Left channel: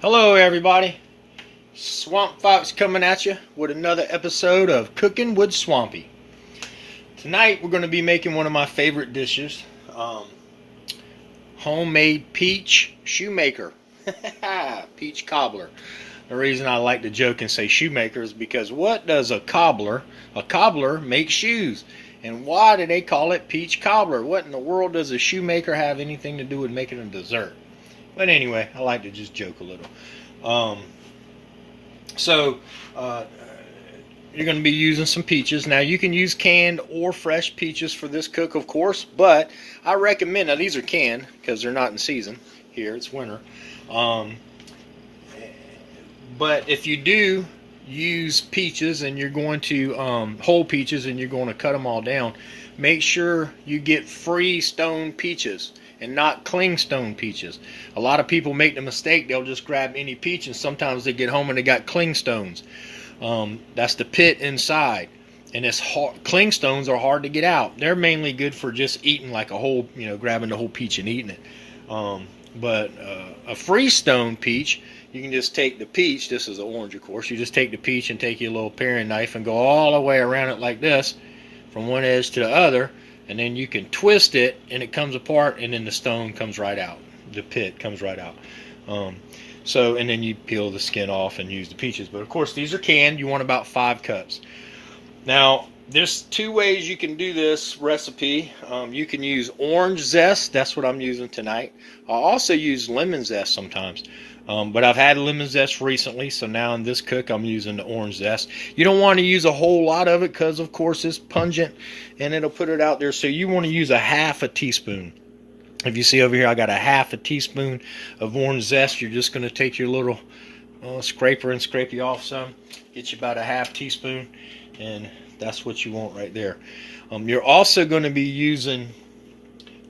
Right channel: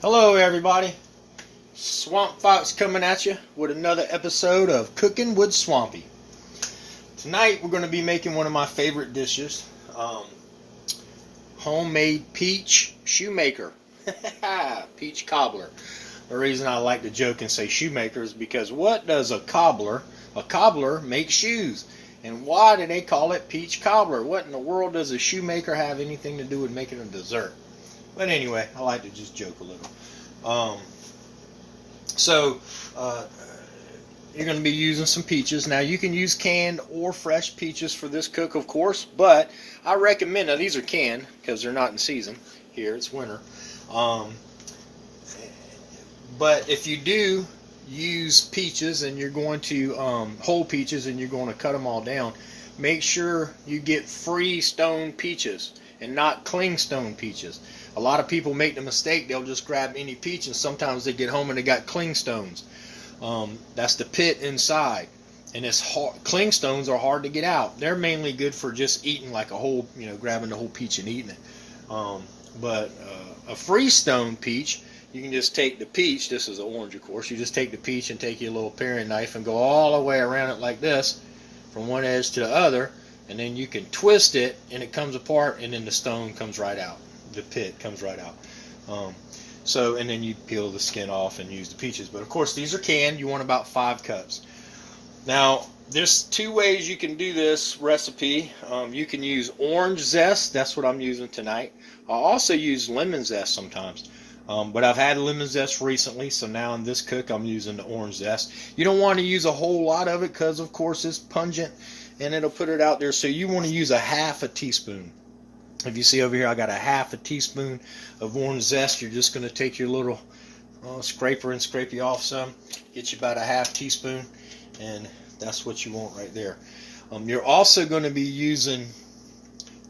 Hello everybody, Swamp Fox coming at you with another episode of Cooking with Swampy. Tonight we're going to be making one of my favorite dishes, homemade peach shoemaker, peach cobbler. The reason I like to joke and say shoemaker is because what does a cobbler? A cobbler makes shoes. And why do they call it peach cobbler? What in the world does a shoemaker have anything to do with making a dessert? But anyway, I like to just joke a little. So you're going to be using some peaches. Now you can use canned or fresh peaches for this cook, of course, but I recommend, now these are canned because they're not in season here, it's winter. But if you do use peaches and you're going to whole peaches and you're going to cut them all down, make sure you get free stone peaches and not clingstone peaches. A lot of people make the mistake, they'll just grab any peach and sometimes they get home and they got clingstones. That's the pit inside, and it's hard. Clingstones are hard to get out. They're mainly good for just eating like a whole, grabbing the whole peach and eating it. But a freestone peach, you can just take the peach, this is an orange of course, you just take the peach and take your little paring knife and go all the way around it like this, from one edge to the other, and then you can twist it and it comes apart and then the stone comes right out. The pit comes right out. And then you peel the skin off and use the peaches. But of course these are canned. You want about 5 cups. Now there's 2 ways you can do this recipe. You can use orange zest. That's what I'm using tonight. I also use lemon zest sometimes. But I've had lemon zest recently, so now in this cook I'm using the orange zest. You don't want to use a whole lot of it because of course it's pungent and it'll put it out there. So you want to use a half a teaspoon. If you see over here, I got a half a teaspoon of orange zest. You're just going to take your little scraper and scrape you off some. Get you about a half teaspoon, and that's what you want right there. You're also going to be using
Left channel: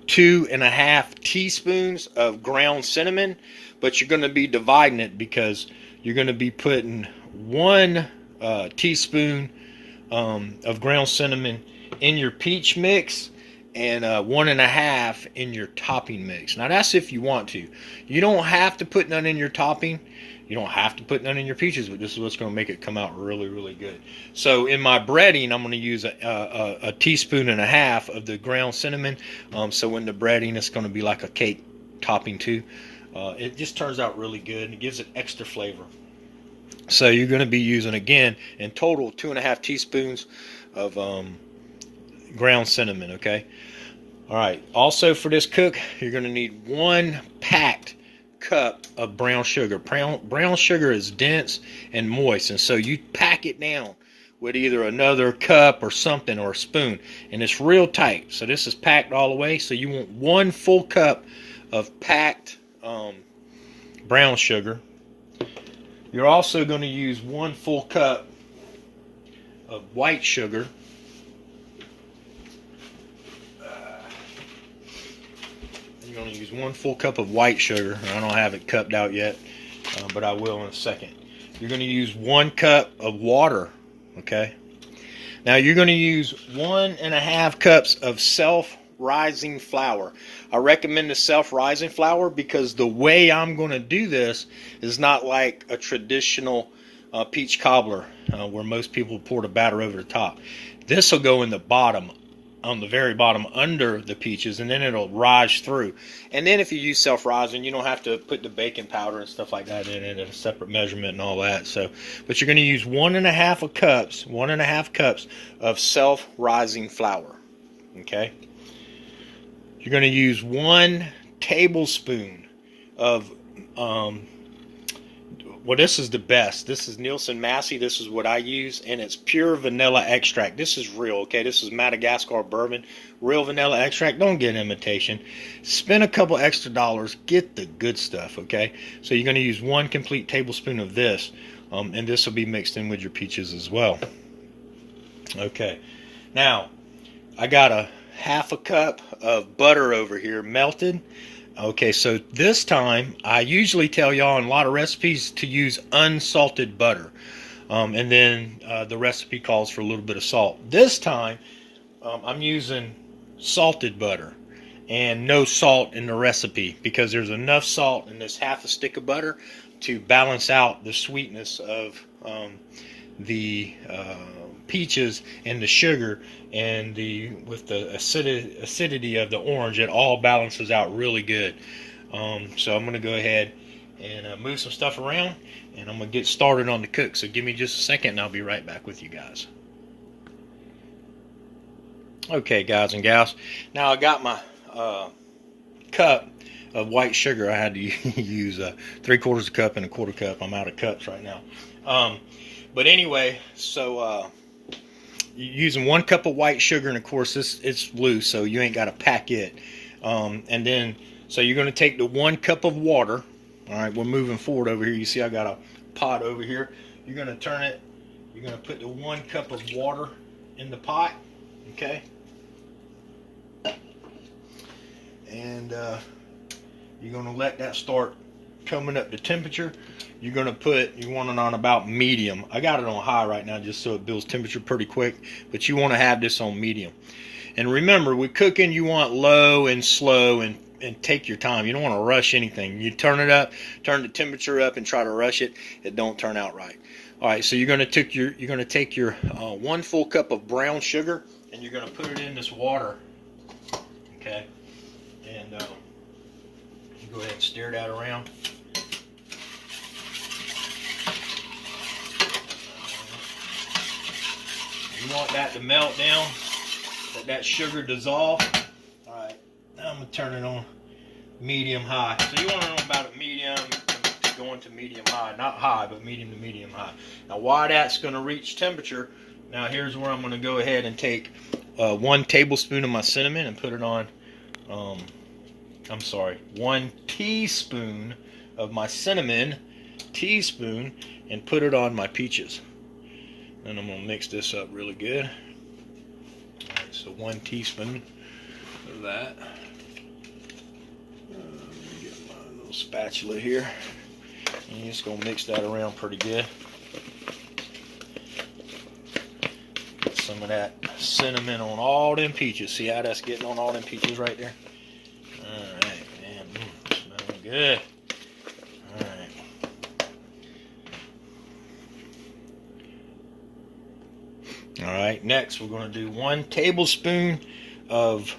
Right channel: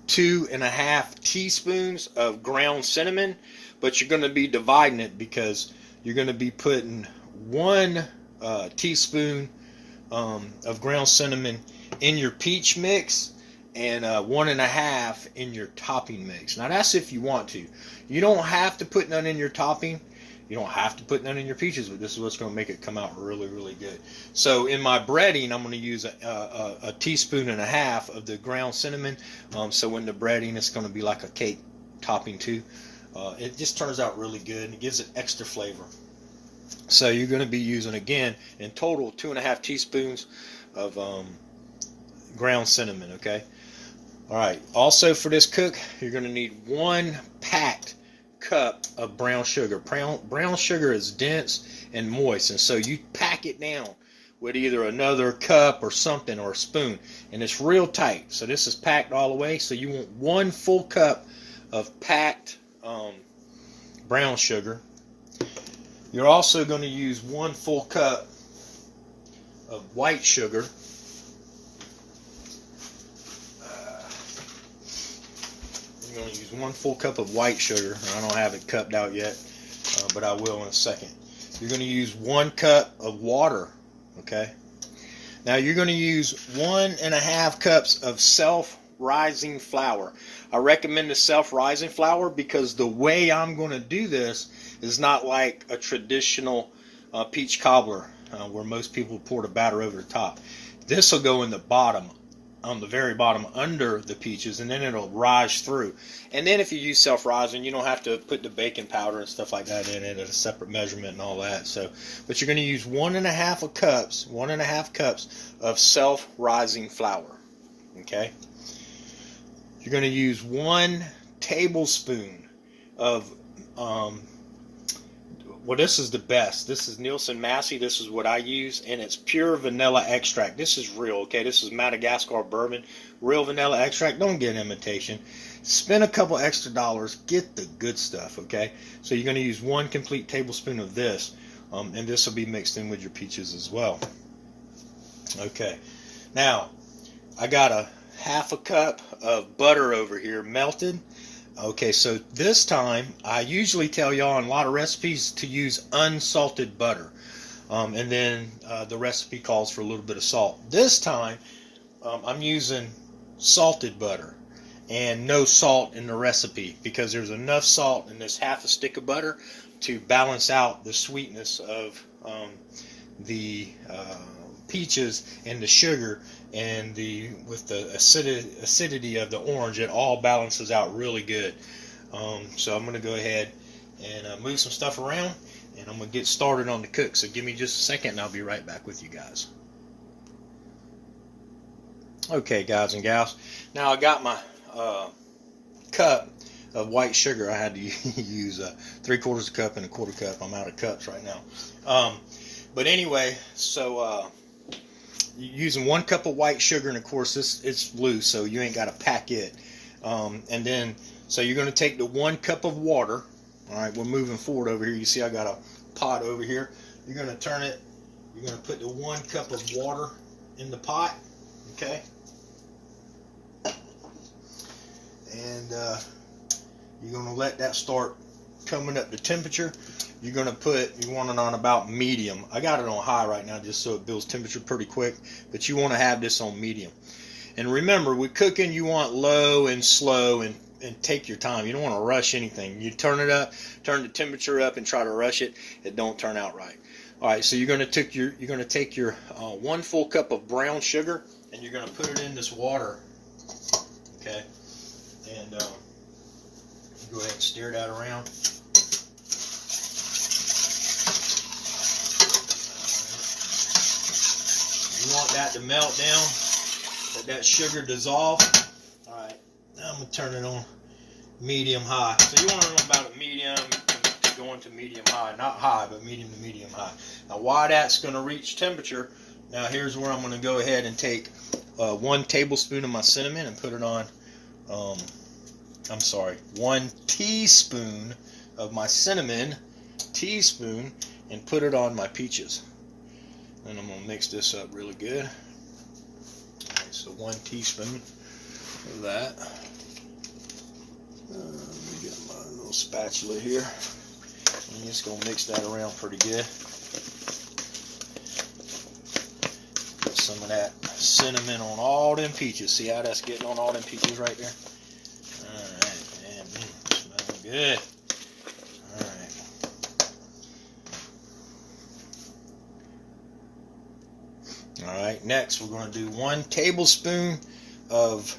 2.5 teaspoons of ground cinnamon, but you're going to be dividing it because you're going to be putting 1 teaspoon of ground cinnamon in your peach mix and 1.5 in your topping mix. Now that's if you want to. You don't have to put none in your topping. You don't have to put none in your peaches, but this is what's going to make it come out really, really good. So in my breading, I'm going to use a teaspoon and a half of the ground cinnamon. So in the breading, it's going to be like a cake topping too. It just turns out really good and it gives it extra flavor. So you're going to be using, again, in total 2.5 teaspoons of ground cinnamon, okay? All right, also for this cook, you're going to need 1 packed cup of brown sugar. Brown sugar is dense and moist, and so you pack it down with either another cup or something or a spoon, and it's real tight. So this is packed all the way, so you want 1 full cup of packed brown sugar. You're also going to use 1 full cup of white sugar. You're going to use 1 full cup of white sugar. I don't have it cupped out yet, but I will in a second. You're going to use 1 cup of water, okay? Now you're going to use 1.5 cups of self-rising flour. I recommend the self-rising flour because the way I'm going to do this is not like a traditional peach cobbler where most people pour the batter over the top. This will go in the bottom, on the very bottom under the peaches, and then it'll rise through. And then if you use self-rising, you don't have to put the baking powder and stuff like that in it at a separate measurement and all that. So, but you're going to use 1.5 cups of self-rising flour. Okay. You're going to use 1 tablespoon of well, this is the best. This is Nielsen Massey. This is what I use, and it's pure vanilla extract. This is real, okay? This is Madagascar bourbon, real vanilla extract. Don't get imitation. Spend a couple extra dollars. Get the good stuff, okay? So you're going to use 1 complete tablespoon of this, and this will be mixed in with your peaches as well. Okay. Now, I got a half a cup of butter over here melted. Okay, so this time, I usually tell y'all in a lot of recipes to use unsalted butter. And then the recipe calls for a little bit of salt. This time, I'm using salted butter. and no salt in the recipe, because there's enough salt in this half a stick of butter to balance out the sweetness of the peaches and the sugar, and with the acidity of the orange. It all balances out really good. So I'm going to go ahead and move some stuff around, and I'm going to get started on the cook. So give me just a second and I'll be right back with you guys. Okay, guys and gals, now I got my cup of white sugar. I had to use 3/4 cup and 1/4 cup. I'm out of cups right now. But anyway, so you're using 1 cup of white sugar, and of course it's loose, so you ain't got to pack it. And then, so you're going to take the 1 cup of water. All right, we're moving forward over here. You see I got a pot over here. You're going to turn it. You're going to put the 1 cup of water in the pot. Okay. And you're going to let that start coming up to temperature. You're going to you want it on about medium. I got it on high right now just so it builds temperature pretty quick, but you want to have this on medium. And remember, with cooking, you want low and slow, and take your time. You don't want to rush anything. You turn it up, turn the temperature up, and try to rush it. It don't turn out right. All right, so you're going to take your 1 full cup of brown sugar, and you're going to put it in this water. Okay. And go ahead and stir that around. You want that to melt down, let that sugar dissolve. Alright, now I'm going to turn it on medium high. So you want it on about a medium to go into medium high. Not high, but medium to medium high. Now while that's going to reach temperature, now here's where I'm going to go ahead and take 1 tablespoon of my cinnamon and put it on 1 teaspoon of my cinnamon, and put it on my peaches. And I'm going to mix this up really good. Alright, so 1 teaspoon of that. Let me get my little spatula here. And you're just going to mix that around pretty good. Get some of that cinnamon on all them peaches. See how that's getting on all them peaches right there? Alright, man. Smelling good. Alright. Alright, next we're going to do 1 tablespoon of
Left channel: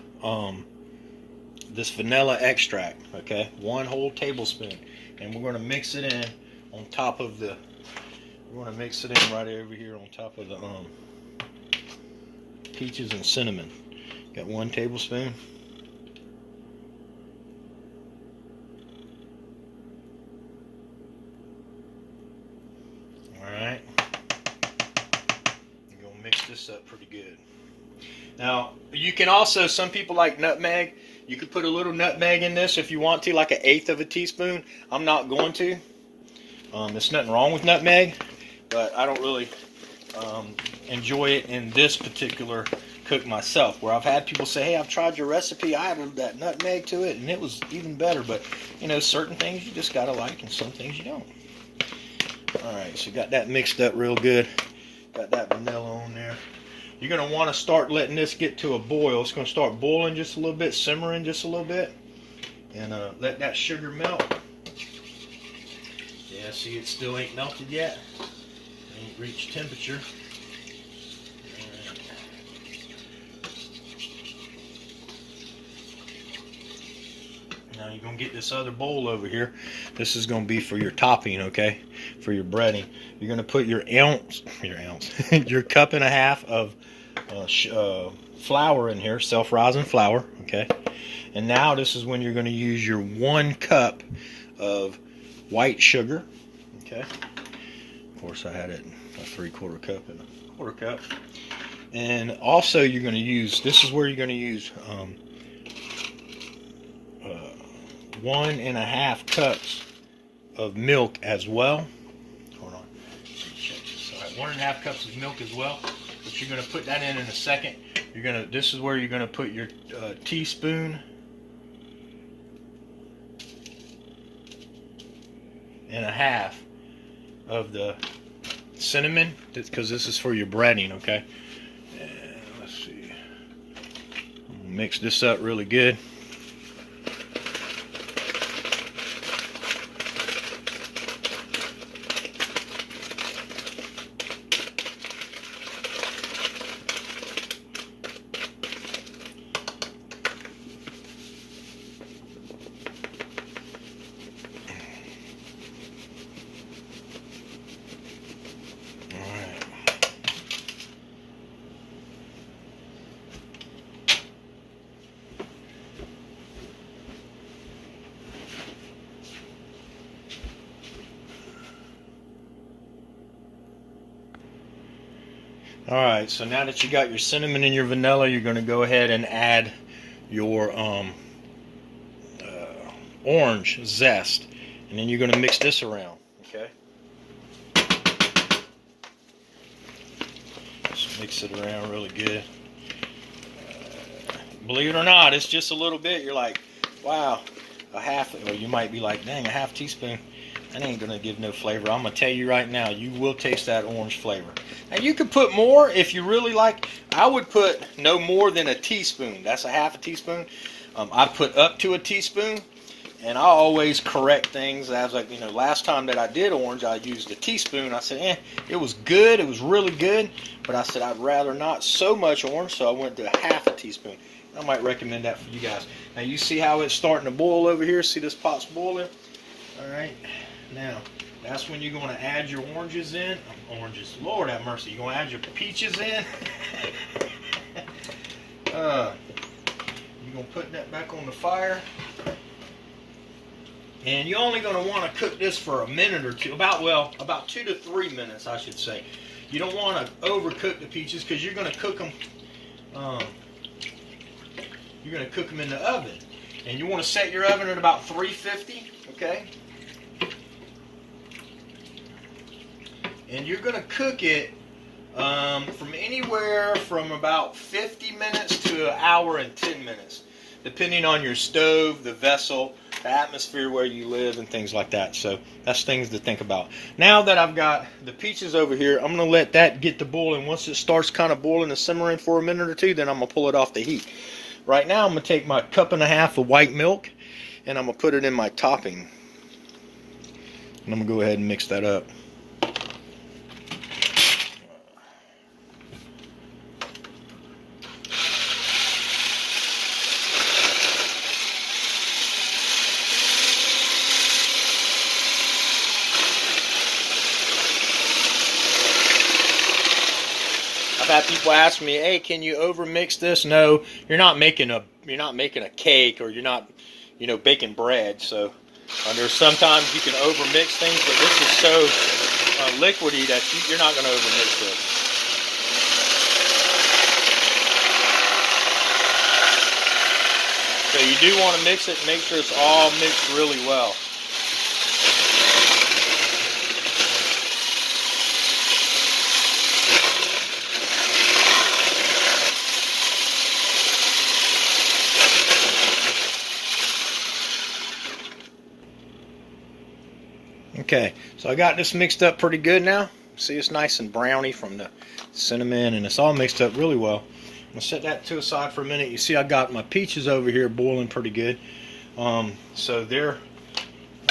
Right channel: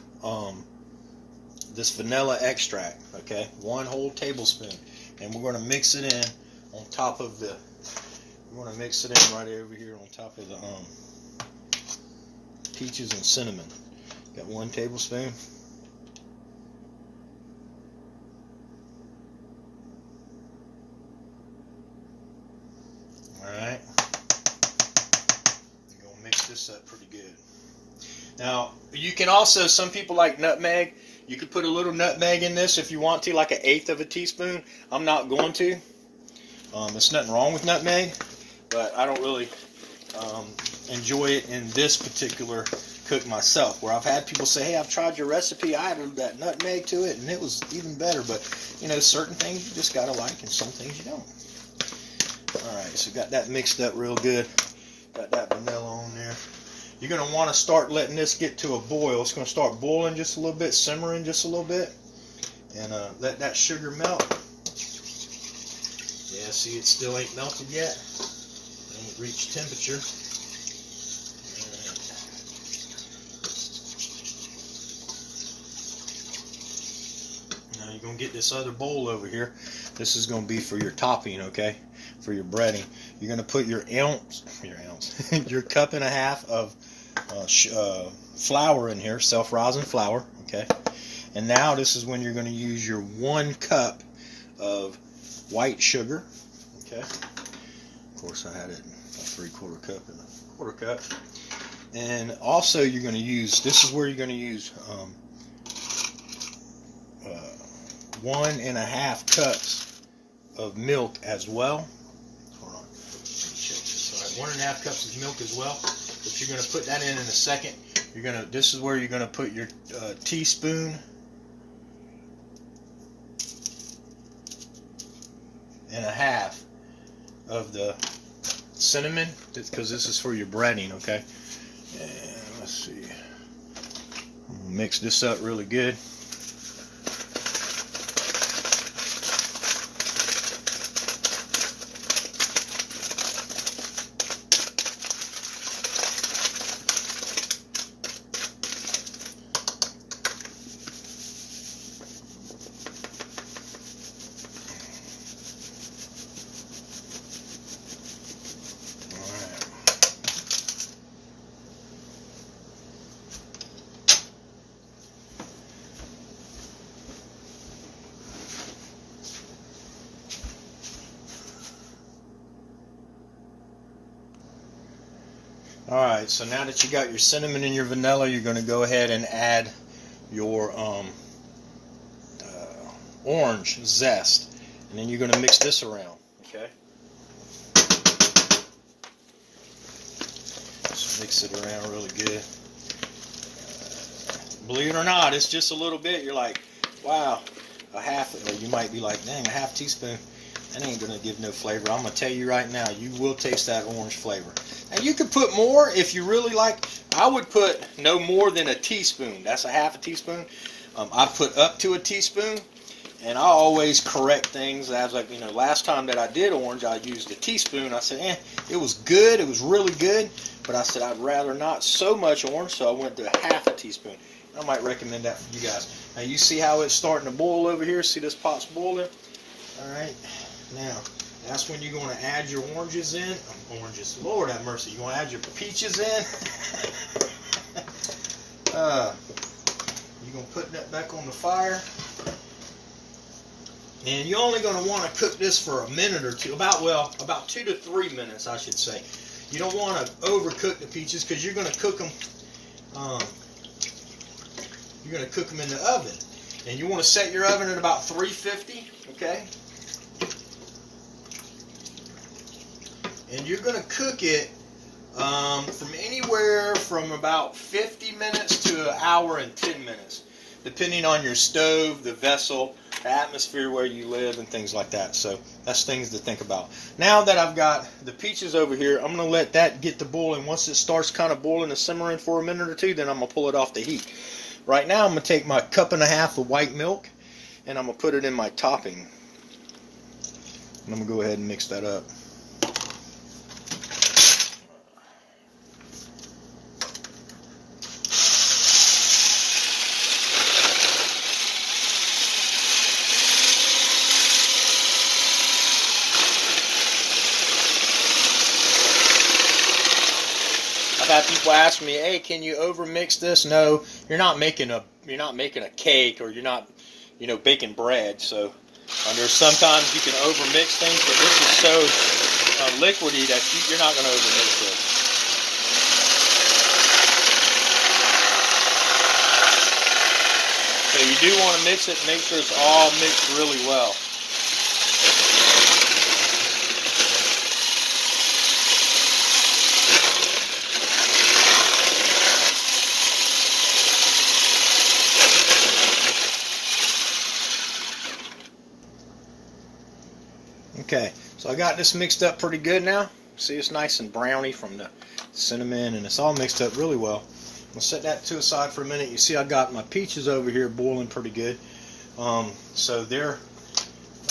this vanilla extract. Okay, 1 whole tablespoon. And we're going to mix it in on top of the, we're going to mix it in right over here on top of the peaches and cinnamon. Got 1 tablespoon. Alright. You're going to mix this up pretty good. Now, you can also, some people like nutmeg. You could put a little nutmeg in this if you want to, like 1/8 of a teaspoon. I'm not going to. There's nothing wrong with nutmeg, but I don't really enjoy it in this particular cook myself. Where I've had people say, hey, I've tried your recipe, I added that nutmeg to it, and it was even better. But, you know, certain things you just got to like, and some things you don't. Alright, so got that mixed up real good. Got that vanilla on there. You're going to want to start letting this get to a boil. It's going to start boiling just a little bit, simmering just a little bit. And let that sugar melt. Yeah, see, it still ain't melted yet. It ain't reached temperature. Alright. Now you're going to get this other bowl over here. This is going to be for your topping, okay? For your breading. You're going to put your your cup and a half of flour in here, self-rising flour, okay? And now this is when you're going to use your 1 cup of white sugar, okay? Of course, I had it a 3/4 cup and a 1/4 cup. And also you're going to use, this is where you're going to use 1.5 cups of milk as well. Hold on, check this. All right, 1.5 cups of milk as well. But you're going to put that in a second. You're going to. This is where you're going to put your teaspoon and a half of the cinnamon, because this is for your breading, okay? And let's see. I'm gonna mix this up really good. Alright, so now that you got your cinnamon and your vanilla, you're going to go ahead and add your orange zest. And then you're going to mix this around. Okay? Just mix it around really good. Believe it or not, it's just a little bit. You're like, wow, a half, or you might be like, dang, a half teaspoon. That ain't going to give no flavor. I'm going to tell you right now, you will taste that orange flavor. Now, you could put more if you really like. I would put no more than a teaspoon. That's a half a teaspoon. I put up to a teaspoon, and I always correct things. As like, last time that I did orange, I used a teaspoon. I said, it was good. It was really good. But I said, I'd rather not so much orange, so I went to a half a teaspoon. I might recommend that for you guys. Now, you see how it's starting to boil over here? See this pot's boiling? All right. Now, that's when you're going to add your oranges in. Oranges, Lord have mercy. You're going to add your peaches in. You're going to put that back on the fire. And you're only going to want to cook this for a minute or two. About 2 to 3 minutes, I should say. You don't want to overcook the peaches because you're going to cook them. You're going to cook them in the oven. And you want to set your oven at about 350, okay? And you're going to cook it from anywhere from about 50 minutes to an hour and 10 minutes, depending on your stove, the vessel, the atmosphere where you live, and things like that. So that's things to think about. Now that I've got the peaches over here, I'm going to let that get to boiling. Once it starts kind of boiling and simmering for a minute or two, then I'm going to pull it off the heat. Right now, I'm going to take my 1.5 cups of white milk, and I'm going to put it in my topping. And I'm going to go ahead and mix that up. I've had people ask me, "Hey, can you overmix this?" No, you're not making a cake, or you're not, baking bread. So there's sometimes you can overmix things, but this is so liquidy that you're not going to overmix it. So you do want to mix it, make sure it's all mixed really well. Okay, so I got this mixed up pretty good now. See, it's nice and browny from the cinnamon, and it's all mixed up really well. I'm going to set that to the side for a minute. You see I got my peaches over here boiling pretty good. So they're,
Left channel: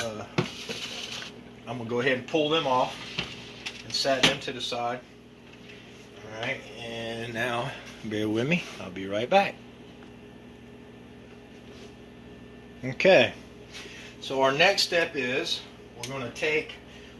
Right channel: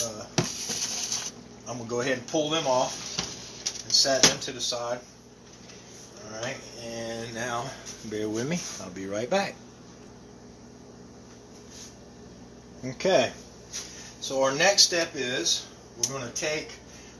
I'm going to go ahead and pull them off and set them to the side. Alright, and now bear with me. I'll be right back. Okay, so our next step is we're going to take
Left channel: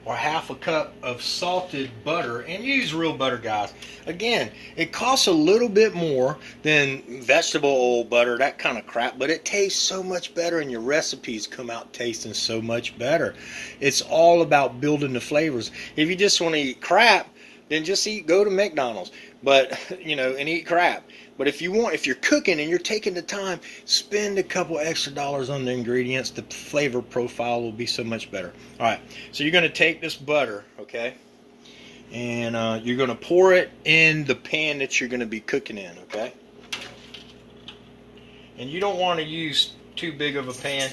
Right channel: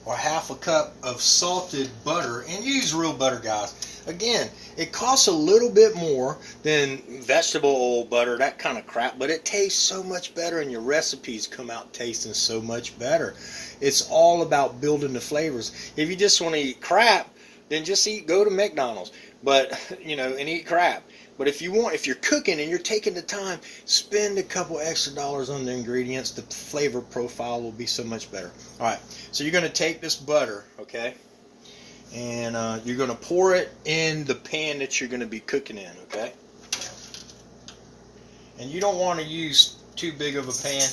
our 1/2 cup of salted butter, and use real butter, guys. Again, it costs a little bit more than vegetable oil butter, that kind of crap, but it tastes so much better, and your recipes come out tasting so much better. It's all about building the flavors. If you just want to eat crap, then just go to McDonald's, but and eat crap. But if you're cooking and you're taking the time, spend a couple extra dollars on the ingredients. The flavor profile will be so much better. All right, so you're going to take this butter, okay, and you're going to pour it in the pan that you're going to be cooking in, okay. And you don't want to use too big of a pan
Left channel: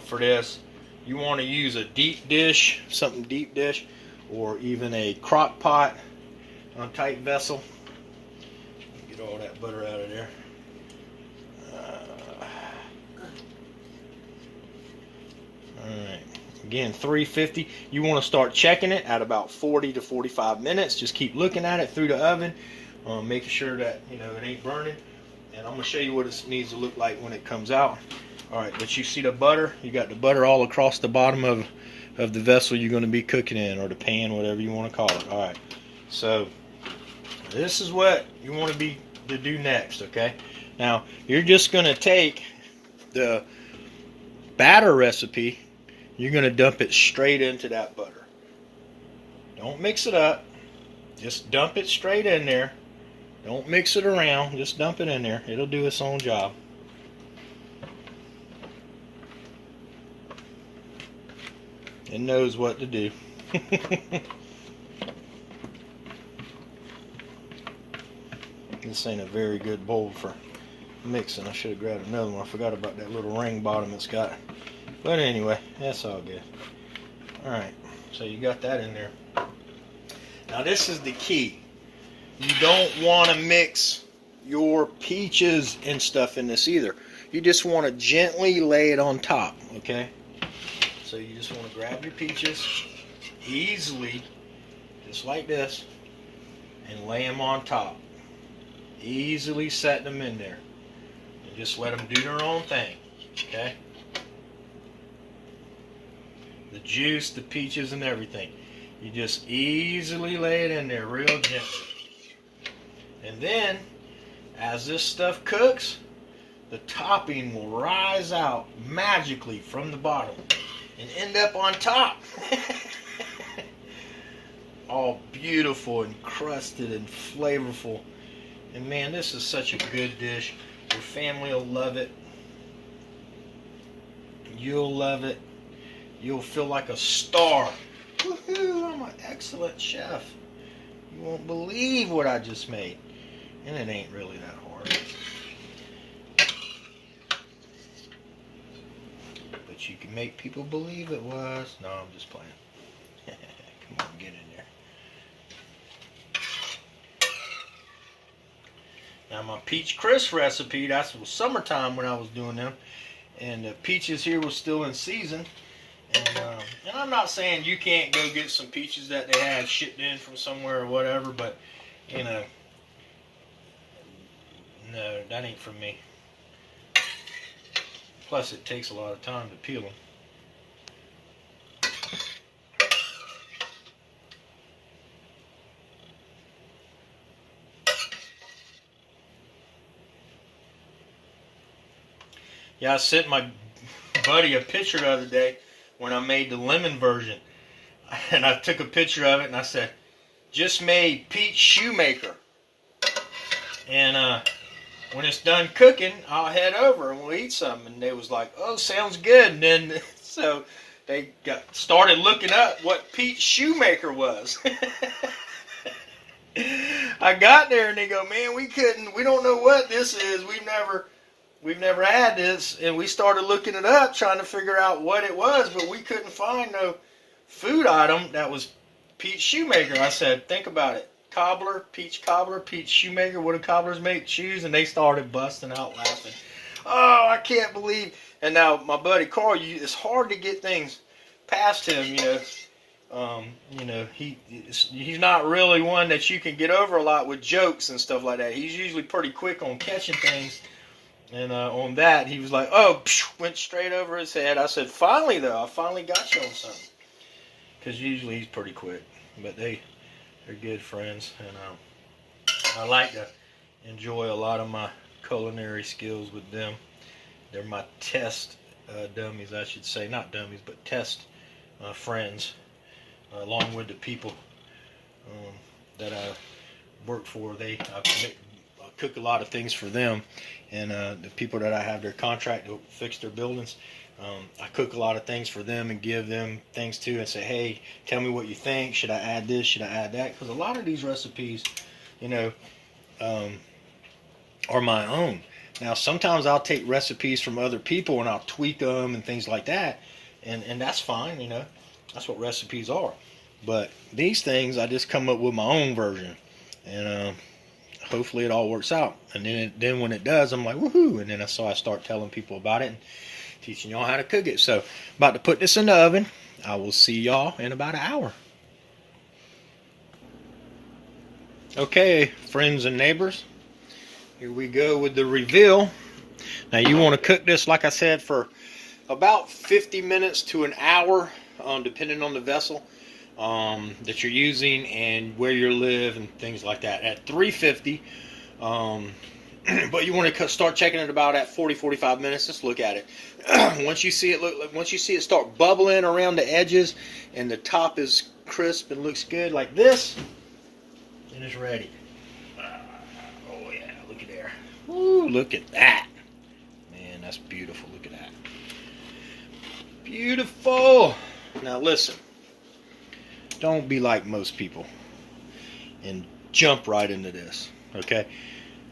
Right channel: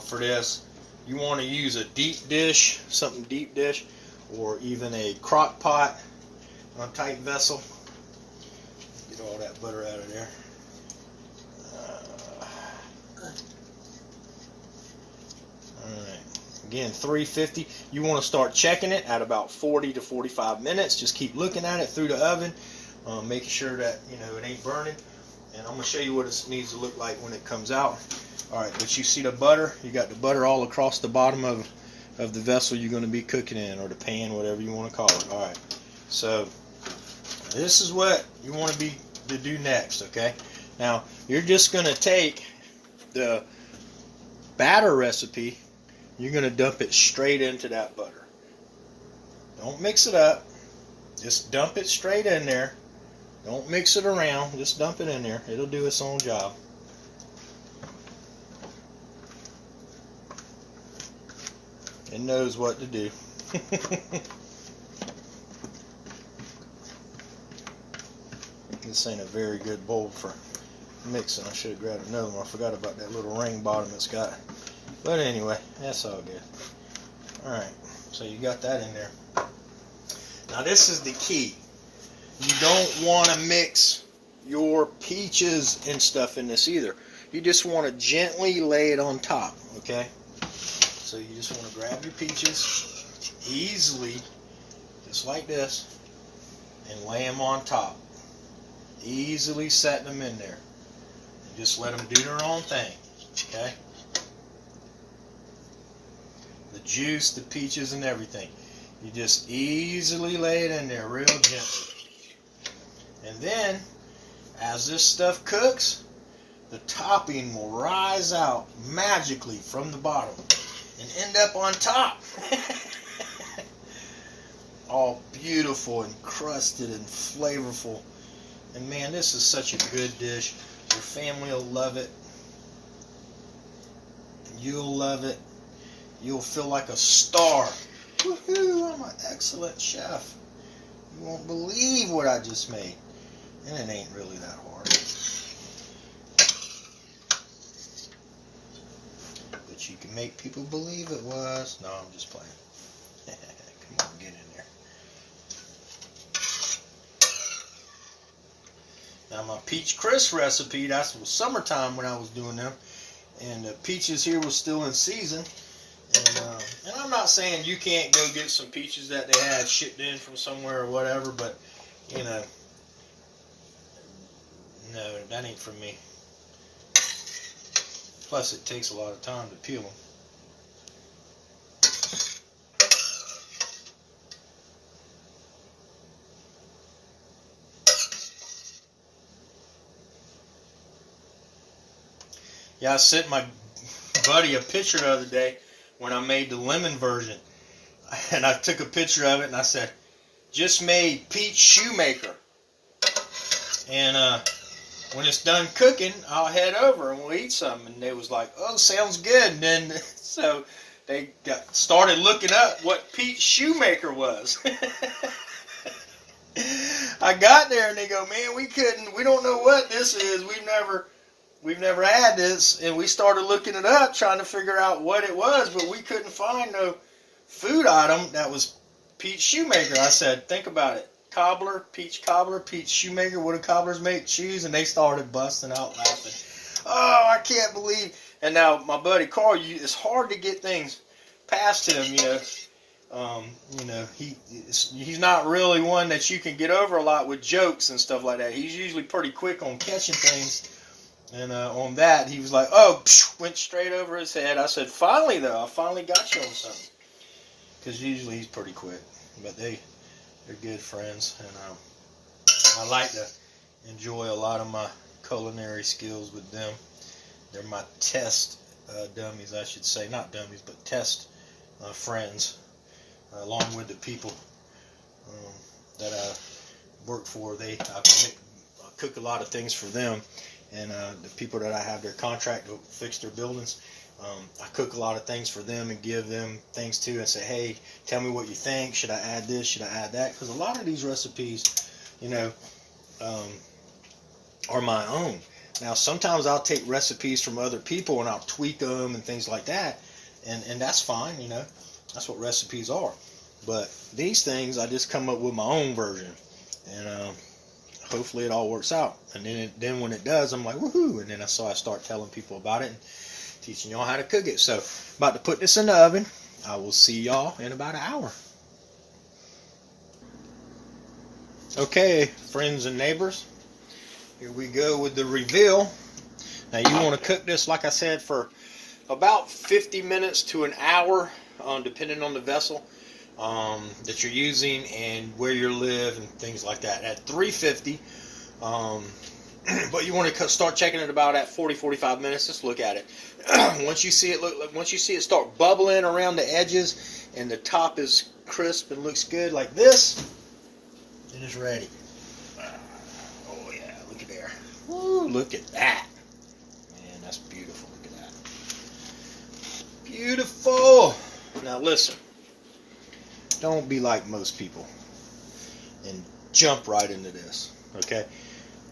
for this. You want to use a deep dish, something deep dish, or even a crock pot type vessel. Get all that butter out of there. Alright, again 350. You want to start checking it at about 40 to 45 minutes. Just keep looking at it through the oven, making sure that it ain't burning. And I'm going to show you what it needs to look like when it comes out. Alright, but you see the butter? You got the butter all across the bottom of the vessel you're going to be cooking in, or the pan, whatever you want to call it. Alright, so this is what you want to do next, okay? Now, you're just going to take the batter recipe, you're going to dump it straight into that butter. Don't mix it up. Just dump it straight in there. Don't mix it around. Just dump it in there. It'll do its own job. It knows what to do. This ain't a very good bowl for mixing. I should have grabbed another one. I forgot about that little ring bottom it's got. But anyway, that's all good. Alright, so you got that in there. Now this is the key. You don't want to mix your peaches and stuff in this either. You just want to gently lay it on top, okay? So you just want to grab your peaches easily, just like this, and lay them on top. Easily set them in there. And just let them do their own thing, okay? The juice, the peaches, and everything. You just easily lay it in there real gently. And then, as this stuff cooks, the topping will rise out magically from the bottom and end up on top. All beautiful and crusted and flavorful. And man, this is such a good dish. Your family will love it. You'll love it. You'll feel like a star. Woohoo, I'm an excellent chef. You won't believe what I just made. And it ain't really that hard. But you can make people believe it was. No, I'm just playing. Come on, get in there. Now my peach crisp recipe, that was summertime when I was doing them. And the peaches here was still in season. And I'm not saying you can't go get some peaches that they had shipped in from somewhere or whatever, but, you know, no, that ain't for me. Plus, it takes a lot of time to peel them. Yeah, I sent my buddy a picture the other day when I made the lemon version. And I took a picture of it and I said, just made peach shoemaker. And when it's done cooking, I'll head over and we'll eat some. And they was like, oh, sounds good. And then, so they started looking up what peach shoemaker was. I got there and they go, man, we don't know what this is. We've never had this. And we started looking it up, trying to figure out what it was, but we couldn't find no food item that was peach shoemaker. I said, think about it. Cobbler, peach shoemaker. What do cobblers make? Shoes. And they started busting out laughing. Oh, I can't believe. And now my buddy Carl, it's hard to get things past him, he's not really one that you can get over a lot with jokes and stuff like that. He's usually pretty quick on catching things. And on that, he was like, oh, went straight over his head. I said, finally, though, I finally got you on something. Because usually he's pretty quick. But they're good friends. And I like to enjoy a lot of my culinary skills with them. They're my test dummies, I should say. Not dummies, but test friends. Along with the people that I work for. I cook a lot of things for them. And the people that I have their contract to fix their buildings, I cook a lot of things for them and give them things too and say, hey, tell me what you think. Should I add this? Should I add that? Because a lot of these recipes, are my own. Now, sometimes I'll take recipes from other people and I'll tweak them and things like that. And that's fine, That's what recipes are. But these things, I just come up with my own version. And hopefully it all works out. And then when it does, I'm like, woohoo. And then I start telling people about it and teaching y'all how to cook it. So, about to put this in the oven. I will see y'all in about an hour. Okay, friends and neighbors. Here we go with the reveal. Now, you want to cook this, like I said, for about 50 minutes to an hour, depending on the vessel that you're using and where you live and things like that. At 350, but you want to start checking it about at 40-45 minutes. Just look at it. Once you see it start bubbling around the edges and the top is crisp and looks good like this, and it's ready. Oh yeah, look at there. Woo, look at that. Man, that's beautiful. Look at that. Beautiful. Now listen, don't be like most people and jump right into this, okay?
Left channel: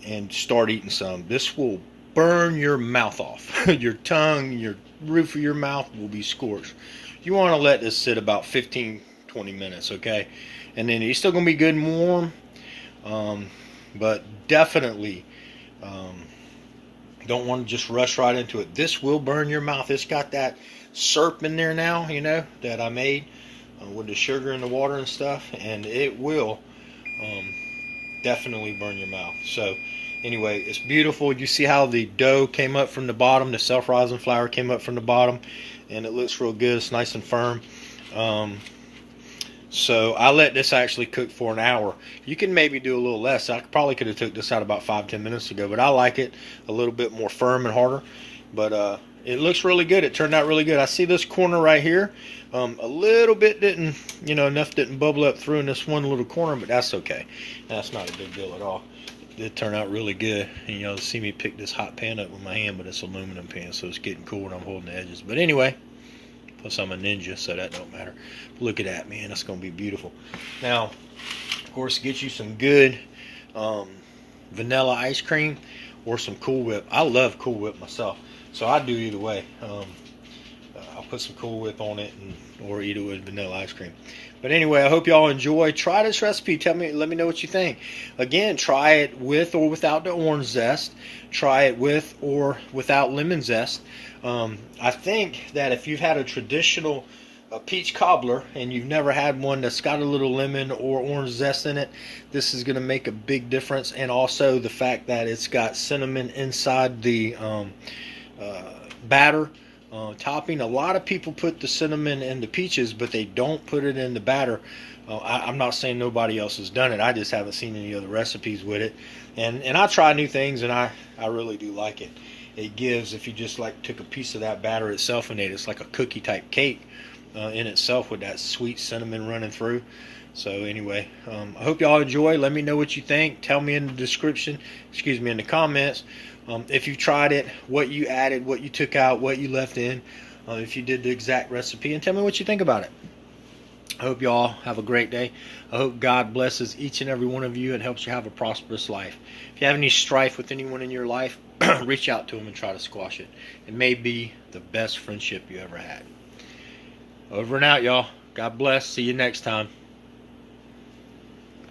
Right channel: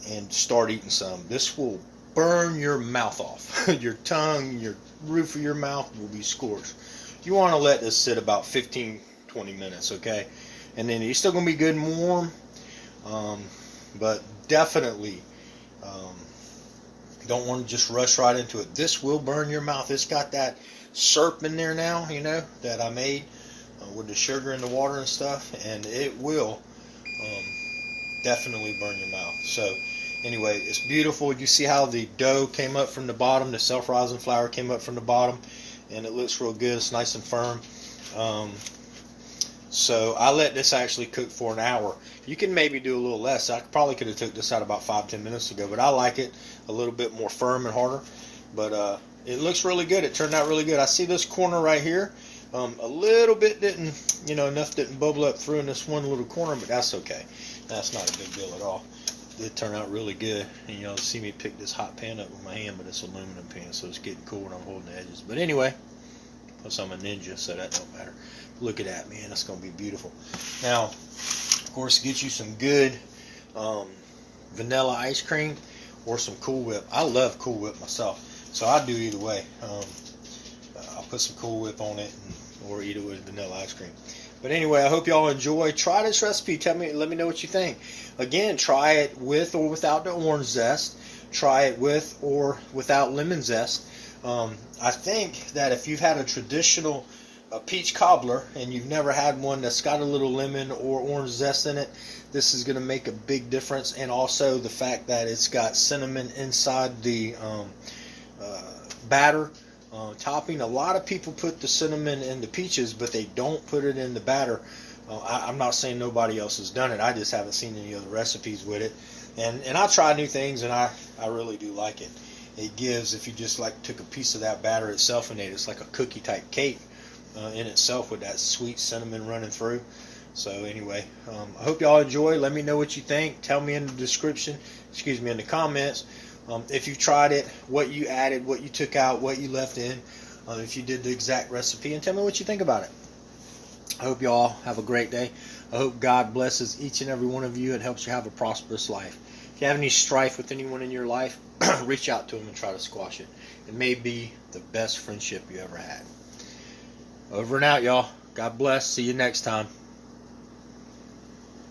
And start eating some. This will burn your mouth off. Your tongue, your roof of your mouth will be scorched. You want to let this sit about 15, 20 minutes, okay? And then it's still going to be good and warm, but definitely don't want to just rush right into it. This will burn your mouth. It's got that syrup in there now, you know, that I made with the sugar and the water and stuff, and it will definitely burn your mouth. So anyway, it's beautiful. You see how the dough came up from the bottom, the self-rising flour came up from the bottom, and it looks real good. It's nice and firm. So I let this actually cook for an hour. You can maybe do a little less. I probably could have took this out about 5-10 minutes ago, but I like it a little bit more firm and harder. But it looks really good. It turned out really good. I see this corner right here. A little bit didn't, you know, enough didn't bubble up through in this one little corner, but that's okay. That's not a big deal at all. It turned out really good. And, you know, see me pick this hot pan up with my hand, but it's aluminum pan, so it's getting cool when I'm holding the edges. But anyway, plus I'm a ninja, so that don't matter. But look at that, man. That's going to be beautiful. Now, of course, get you some good vanilla ice cream or some Cool Whip. I love Cool Whip myself, so I do either way. I'll put some Cool Whip on it or eat it with vanilla ice cream. But anyway, I hope y'all enjoy. Try this recipe. Let me know what you think. Again, try it with or without the orange zest. Try it with or without lemon zest. I think that if you've had a traditional peach cobbler and you've never had one that's got a little lemon or orange zest in it, this is going to make a big difference. And also the fact that it's got cinnamon inside the batter topping. A lot of people put the cinnamon in the peaches, but they don't put it in the batter. I'm not saying nobody else has done it. I just haven't seen any other recipes with it. And I try new things, and I really do like it. It gives, if you just like took a piece of that batter itself and ate it, it's like a cookie type cake in itself with that sweet cinnamon running through. So anyway, I hope y'all enjoy. Let me know what you think. Tell me in the description, in the comments, if you tried it, what you added, what you took out, what you left in, if you did the exact recipe, and tell me what you think about it. I hope y'all have a great day. I hope God blesses each and every one of you and helps you have a prosperous life. If you have any strife with anyone in your life, reach out to them and try to squash it. It may be the best friendship you ever had. Over and out, y'all. God bless. See you next time.